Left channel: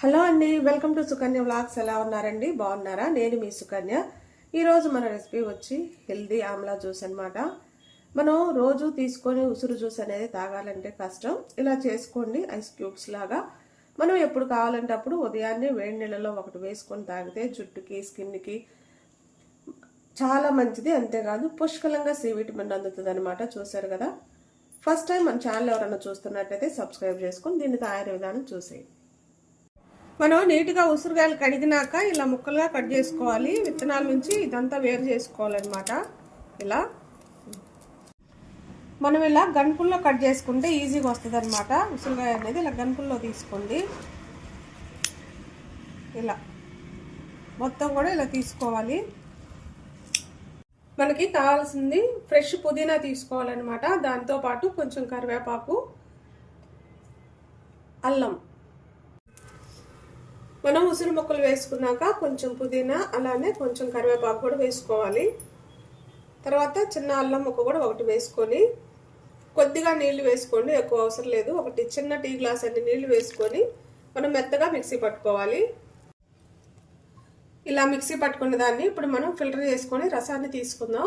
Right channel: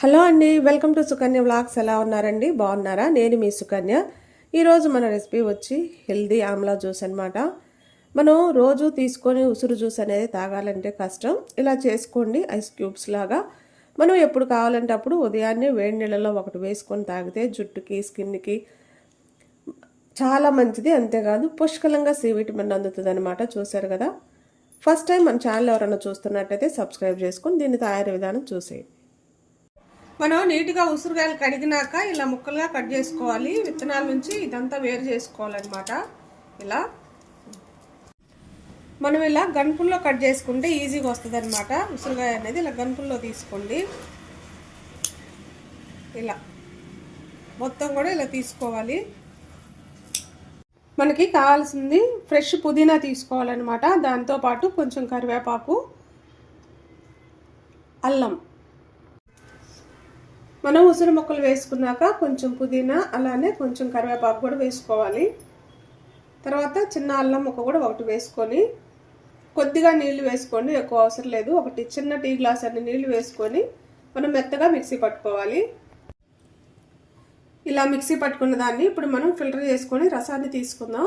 Hello అండి welcome to Sukanya vlogs. ఎలా ఉన్నారండి? బాగున్నారా? నేను మీ సుకన్య. ఈరోజు మన రెసిపీ వచ్చి హెల్దీ ఆమ్లా జ్యూస్ అనమాట మనం రోజు తీసుకొని ఉసురు జ్యూస్ అనేది తాగాలంటే కష్టం. ఇలా చేసుకోండి ఐస్ క్యూబ్స్ లాగా. మనం ఎప్పుడు కావాలంటే అప్పుడు ఉదయాన్నే వేడి నీళ్ళలో ఒకటి వేసుకొని తాగితే జుట్టుకి స్కిన్కి చాలా మంచిది. అంతేకాదు పుష్కలంగా సి విటమిన్ అందుతుంది అనమాట చూశారు కదా? ఫస్ట్ టైం మన ఛానల్ ఎవరైనా చూస్తున్నట్టయితే సబ్స్క్రైబ్ చేసుకొని దీన్ని తయారీ విధానం చూసేయండి. మనం నీట్గా ఉసిరికాయలు కడిగినాక ఇలా ముక్కలుగా కట్ చేసుకోవాలి. విత్తనాల నుంచి ఇదంతా వేరు చేసుకోవాలన్నమాట. ఇలా. మనం ఇలా గన్పుల్లో కట్ చేసుకుంటే ఈజీగా వస్తుంది అనమాట ఉసిరికాయ అనేది ఇలా గన్పుల్లో తీసుకోండి. ఇలా. మొత్తం కూడా ఇలా తీసుకోవాలి. మనకి కావాల్సింది ఫ్రెష్ పుదీనా తీసుకోవాలన్నమాట. దాంతోపాటు కొంచెం కరివేపాకు అల్లం. మనం ఉసిరి ముక్కలు వేసుకున్నాక కొంచెం పుదీనా అలానే కొంచెం కరివేపాకు కూడా వేసుకోవాలి. తర్వాత చిన్న అల్లం ముక్క కూడా ఒకటి వేసుకొని కొద్దిగా నీళ్ళు వేసుకోండి ఎక్కువ అవసరం లేదు. ఒకటి చిన్న టీ గ్లాస్ అన్ని నీళ్ళు వేసుకొని మనం మెత్తగా మిక్సీ పట్టుకోవాలి. ఇలా మిక్సీ పట్టుకున్న దాన్ని ఇప్పుడు మనం ఫిల్టర్ చేసుకొని రసాన్ని తీసుకుందాం.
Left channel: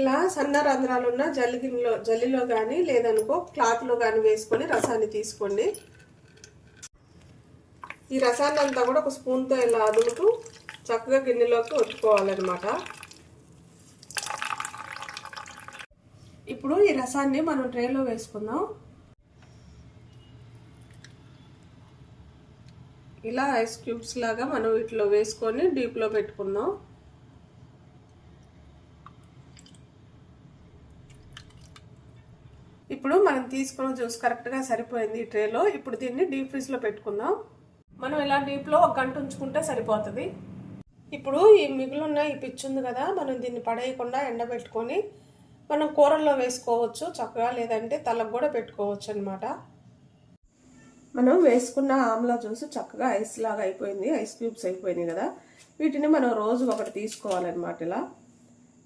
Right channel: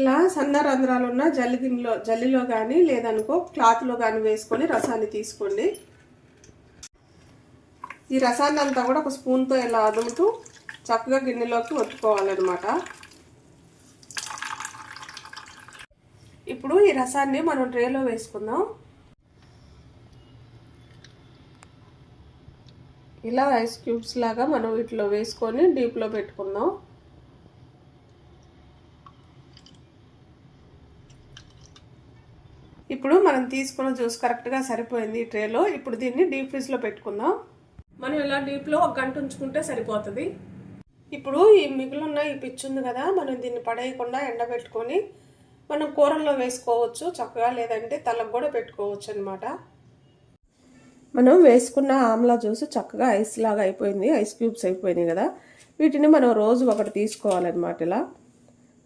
ఇలా సన్న రంధ్రాలు ఉన్న జల్లి గిన్నెలో జల్లిలో కానీ లేదనుకో క్లాత్లో కానీ వేసుకొని రసాన్ని తీసుకోండి. ఈ రసాన్ని అంతా కూడా ఒక స్పూన్తో ఇలా అదుముతూ చక్కగా గిన్నెలోకి ఒత్తుకోవాలన్నమాట. ఇప్పుడు ఈ రసాన్ని మనం ట్రేలో వేసుకుందాం. ఇలా ఐస్ క్యూబ్స్ లాగా మనం వీటిలో వేసుకొని డీప్లో పెట్టుకుందాం. ఇప్పుడు మనం తీసుకున్న జ్యూస్ కరెక్ట్గా సరిపోయింది ఈ ట్రేలో. ఇప్పుడు దీన్ని డీప్ ఫ్రిడ్జ్లో పెట్టుకుందాం. మనం ఇలా డీప్లో ఒక గంట ఉంచుకుంటే సరిపోతుంది? ఇప్పుడు ఈ మిగులున్న ఈ పిచ్చి ఉంది కదా మనం దీన్ని పడేయకుండా ఎండబెట్టుకొని మనం కూరల్లో వేసుకోవచ్చు చక్కగా లేదంటే తలకు కూడా పెట్టుకోవచ్చు అనమాట మనం వేసుకున్న ఆమ్లా జ్యూస్ చక్కగా ఐస్ లాగా అయిపోయింది ఐస్ క్యూబ్స్ అయిపోయినాయి కదా. వీటిని మనం రోజు ఒకటి తీసుకోవాలన్నమాట ఇలా.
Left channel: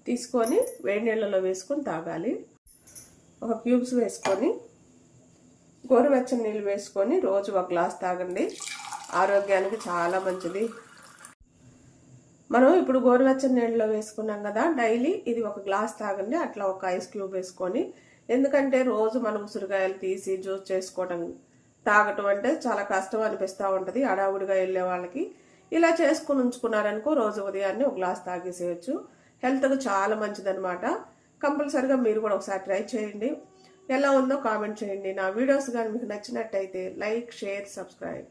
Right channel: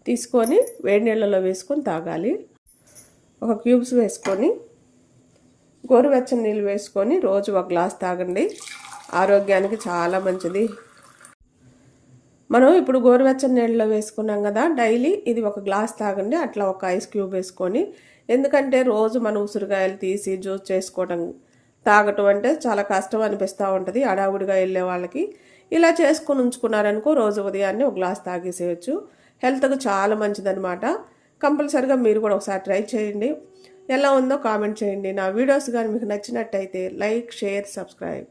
తీసుకొని వేడి నీళ్ళలో వేసుకొని తాగాలి. ఒక క్యూబ్స్ వేసుకొని గోరువెచ్చని నీళ్ళు వేసుకొని రోజు ఒక గ్లాస్ తాగండి. ఆరోగ్యానికి చాలా మంచిది. మనం ఇప్పుడు గోరువెచ్చని నీళ్ళలో వేసుకున్నాం కదా డైలీ ఇది ఒక గ్లాస్ తాగండి అట్లా ఒక ఐస్ క్యూబ్ వేసుకొని. ఎందుకంటే రోజు మనం ఉసిరికాయలు తీసి జ్యూస్ చేసుకోవడం తాగటం అంటే చాలా కష్టం అనిపిస్తూ ఉంటుంది అడావుడిగా వెళ్ళే వాళ్ళకి. ఇలా చేసుకుని ఉంచుకున్నారనుకో రోజు ఉదయాన్నే ఒక గ్లాస్ తాగేసేయచ్చు. హెల్త్కు చాలా మంచిదనమాట కంపల్సరిగా మీరు కూడా ఒకసారి ట్రై చేయండి. ఎలా ఉందో కామెంట్ చేయండి. నా వీడియోస్ కానీ మీకు నచ్చినట్టయితే లైక్ షేర్ సబ్స్క్రైబ్.